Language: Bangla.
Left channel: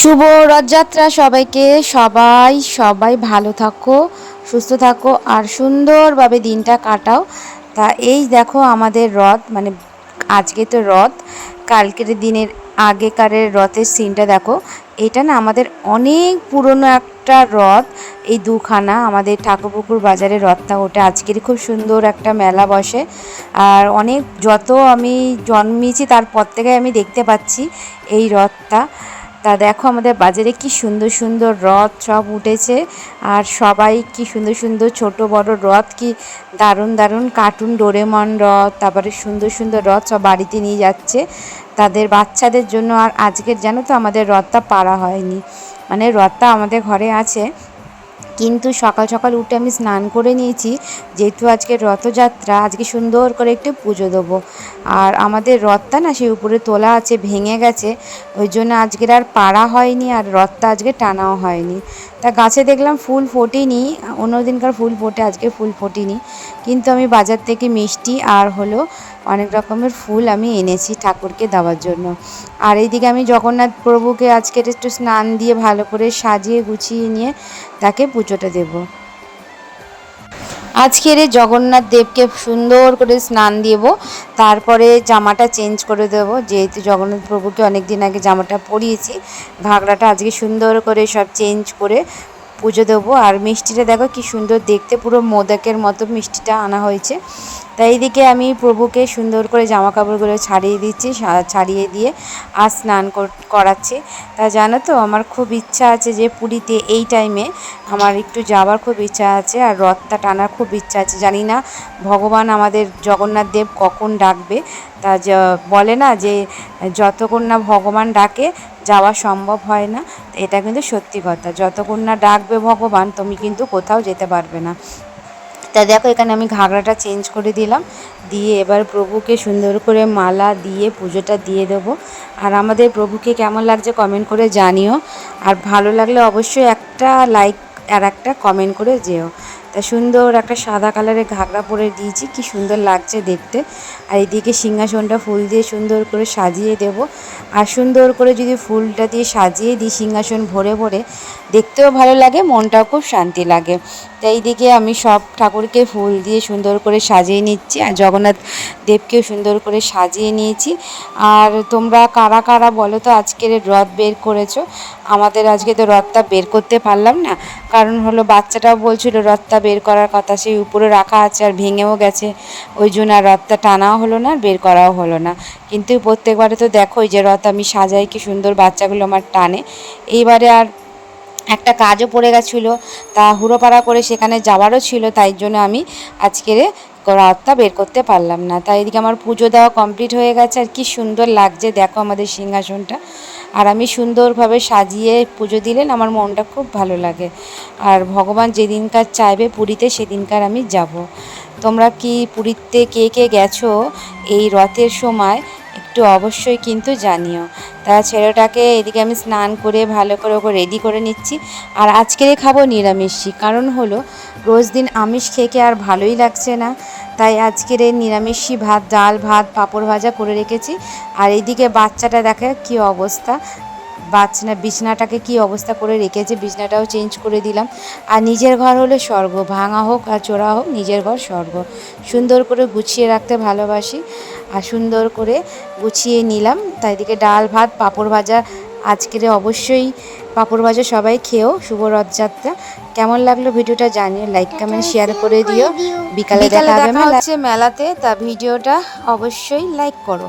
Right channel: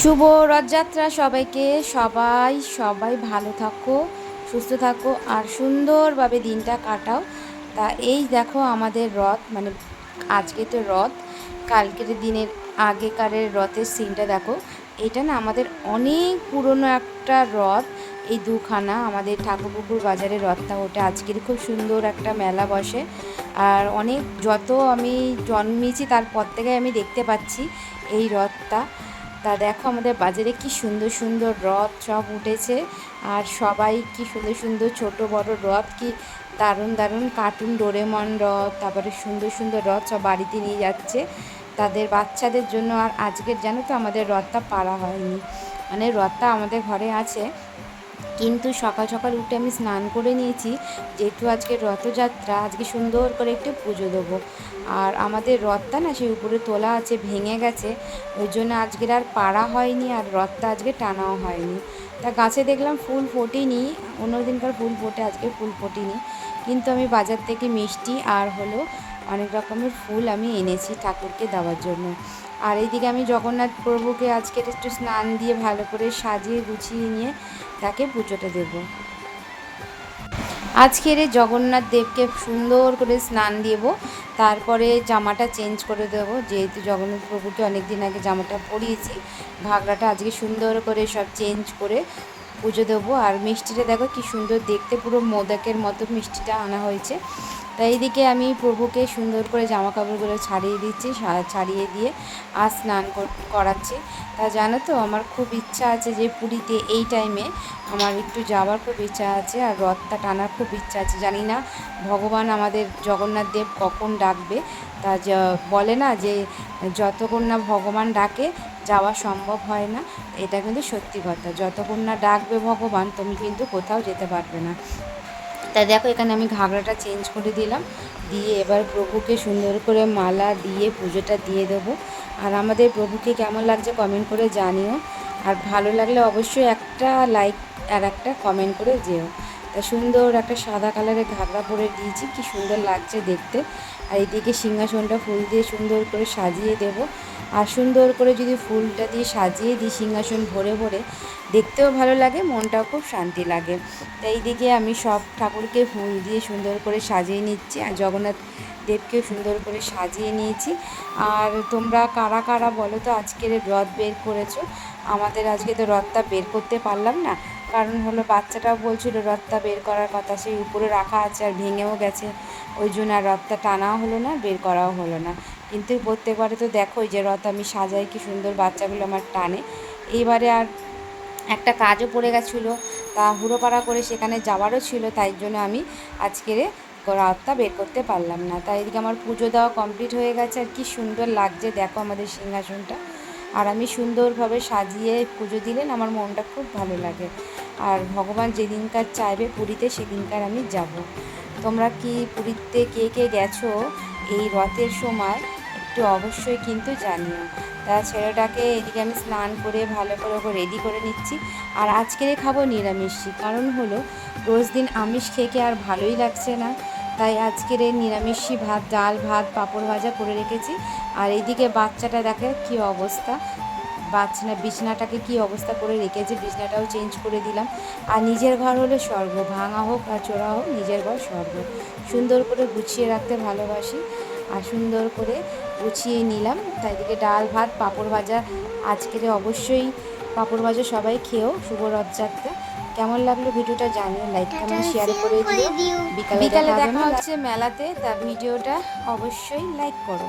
শুভ রথযাত্রা সবাইকে। সবাই ভালো থাকো, সুস্থ থাকো আর সুন্দরভাবে দিনটা কাটাও। তা এই দেখো আমাদের রথ, মানে আজকে তো রথ, কালকের দিনের আগেকারের রথের সিনটা দেখো। এটা না আমাদের অনেক পুরনো একটা রথ। এই দুখানা আমাদের ঠাকুরপুকুর বাজারের রথটা ওটা আজকের খুব সুন্দর একটা মেলা বসে। আর অনেক যত আমি জন্মেছি তারপর থেকে আমি দেখতে পাচ্ছি এই রথটা। তা দেখো আমাদের বাজারে কি সুন্দর সুন্দর রথ সব উঠেছে। আর সবাই কি সুন্দর সুন্দর ছোট বড় রথ, কি দারুণ দারুণ কার্টুন ডোরেমন রথ, তারপরে সুন্দর সুন্দর রথ সব বাড়িতে নিয়ে যাচ্ছে তাদের বাচ্চাদের জন্য। আর আজকের জানো তো আমাদের রথটা পাড়া হয়নি, মানে রথটা আমাদের ঘরে আছে, কিন্তু সকাল সকাল উঠে আমি স্নান করে নিয়েছি, যেহেতু আজকে রথযাত্রা, আজকে সুন্দর করে একটু পুজো দেবো। আর আমাদের রথটা না সেই উপরে তোলা আছে, ভেঙে গেছে, ওই জন্য আজকের আর পাড়া হয়নি, আর রথটা আজকে টানাও হয়নি। তা গাছে দেখলাম ফুল ফোটেনি, অন্য দিনকার ফুল ফোটে, আজকে ফুল ফোটেনি, কিন্তু আমি বাজার থেকে মিষ্টি আর হলো অনেক রকমের ফুল আমি এনেছি ঠাকুরকে দেওয়ার জন্য। আর এইদিকে আমি জগন্নাথ প্রভুকে আজকের একটু স্নান দিয়ে ভালো করে সাজিয়ে গুছিয়ে নিয়ে তাকে পুজোটা দেব। আজকের জগন্নাথ দেবকে সুন্দর করে স্নান দেব, তারপরে জামাটা চেঞ্জ করে দেব, যেহেতু জগন্নাথ প্রভুকে অনেক দিন আগে জামাটা পরিয়েছি, ঘাগরাটা আজকে সুন্দর করে সব চেঞ্জ করে পুজো দেবো। আর মিষ্টিটা দেখো কি সুন্দর দেখতে, পুরো মোদকের মতো মিষ্টিটা আনা হয়েছে। তাই এইদিকে আমি প্রভুকে সুন্দর করে জামা কাপড়গুলো ছাড়িয়ে দিচ্ছি, ছাড়িয়ে দিয়ে আর স্নান করাচ্ছি। তা জানো তো আমার খুব ইচ্ছা আছে যে পুরীতে এই টাইমে আমার একটু যাওয়ার খুব ইচ্ছা আছে, আর রথটা টানার খুব ইচ্ছা আছে। জানি না ভগবান আমাদের জগন্নাথ দেব কখন ডাকবে। তা বলে না যে যতক্ষণ না ভগবান ডাকে যাওয়া সম্ভব হয় না, এটা কিন্তু সত্যি কথা। যতক্ষণ না ডাকবে ভগবান তুমি কিন্তু কোথাও যেতে পারবে না। তা দেখো এখানে আমি ঘাগরাটা চেঞ্জ করে দিলাম, দিয়ে এবার প্রভুকে সুন্দর করে মালা দিয়ে পুজোটা দিয়ে দেবো। আর আমাদের প্রভুকে কেমন লাগছে কমেন্ট করে জানিও, আর ভালো লাগলে অবশ্যই একটা লাইক আর একটা কমেন্ট করে যেও। তা সুন্দর একটা সাদা কালারের ঘাগরা পরে দিয়েছি, কি সুন্দর লাগছে দেখতে। আর এদিকে সিংহাসনটা ফুল দিয়ে সুন্দর করে সাজিয়ে দেব। আর সুন্দর করে যদি ফুলটা দিয়ে সাজিয়ে দিই সিংহাসন ভরে ভরে, দেখতেও ভালো লাগে, মনটাও খুব শান্তি লাগে। তাই এইদিকে আমি সব ঠাকুরকে ফুল দিয়ে সুন্দর করে সাজিয়ে নিচ্ছি, আর জগন্নাথ দেবকেও সুন্দর করে সাজিয়ে নিয়েছি। আর তোমরা কারা কারা বলো তো আজকের রথ বের করেছো? আমাদের আজকে তো রথটা বের করতে পারলাম না, কারণ হলো বাচ্চাটাও বলছিল রথটা বের করার কথা, সেই উপরে রাখা আছে আর ভেঙেও গেছে, ওই জন্য আর রথটা টানাও হলো না, বের করাও হলো না। কিন্তু প্রত্যেকবারে তো দেখোই যে রথ আমি সাজাই, কি সুন্দর বাচ্চাগুলো আমার টানে। এইবারে আর একটা কাজও পড়ে গেছিলো, তা হুড়োপাড়া করে সেখানে যাওয়ারও ছিল, তাই জন্য আমি আজকের রথটা বের করতে পারলাম না। তাই এদিকে আমার পুজো দেওয়া কমপ্লিট হয়ে গেছে, আর কি সুন্দর লাগছে দেখো আমাদের সিংহাসনটা। আর আমি সুন্দরভাবে সাজিয়ে পুজো দিলেন আমার মনটা খুব ভালো লাগে। আর ভগবান যেদিনকার চাইবে পুরীতে সেদিনকার আমি যাব। তোমরা কি পুরীতে কে কে গেছো এই রথের সময় একটু অবশ্যই কিন্তু জানিও। তা ছেলেটাকে এদিকে আমি স্নান করে ভালো করে ওকে রেডি করে নিচ্ছি। আর আজকেরে খাবো নিরামিষই, কারণ হলো রোজ দিন আমিষ খেয়ে আর ভালোই লাগছে না, তাই আজকের এই নিরামিষই ভাত, ডাল ভাত, পাঁপড় ভাজা করে রেখেছি। আর এইদিকে বাচ্চাটা দেখে কি অবস্থা, বিছনাটাকে কি অবস্থা করে রেখেছে, বিছনাটাও চেঞ্জ করে দিলাম। আর নিজের ঘর হলো স্বর্গ, ভাঙা হোক আর চোরা হোক নিজের ঘর স্বর্গ। সুন্দর করে গুছিয়ে রাখতে ভালোবাসি, আর সুন্দর করে গুছিয়ে নিলাম। তাই দিকে ডাল ভাত পাঁপড় ভাজা, আজকের অবশ্যই পাঁপড় ভাজা সবাই খেয়েও। শুভ রথযাত্রা। কেমন লাগলো ভিডিওটা জানিও, লাইক কমেন্ট শেয়ার করে দিও। বিকালে দেখা হবে মেলাতে, তা ভিডিওটা অবশ্যই লাইক করো।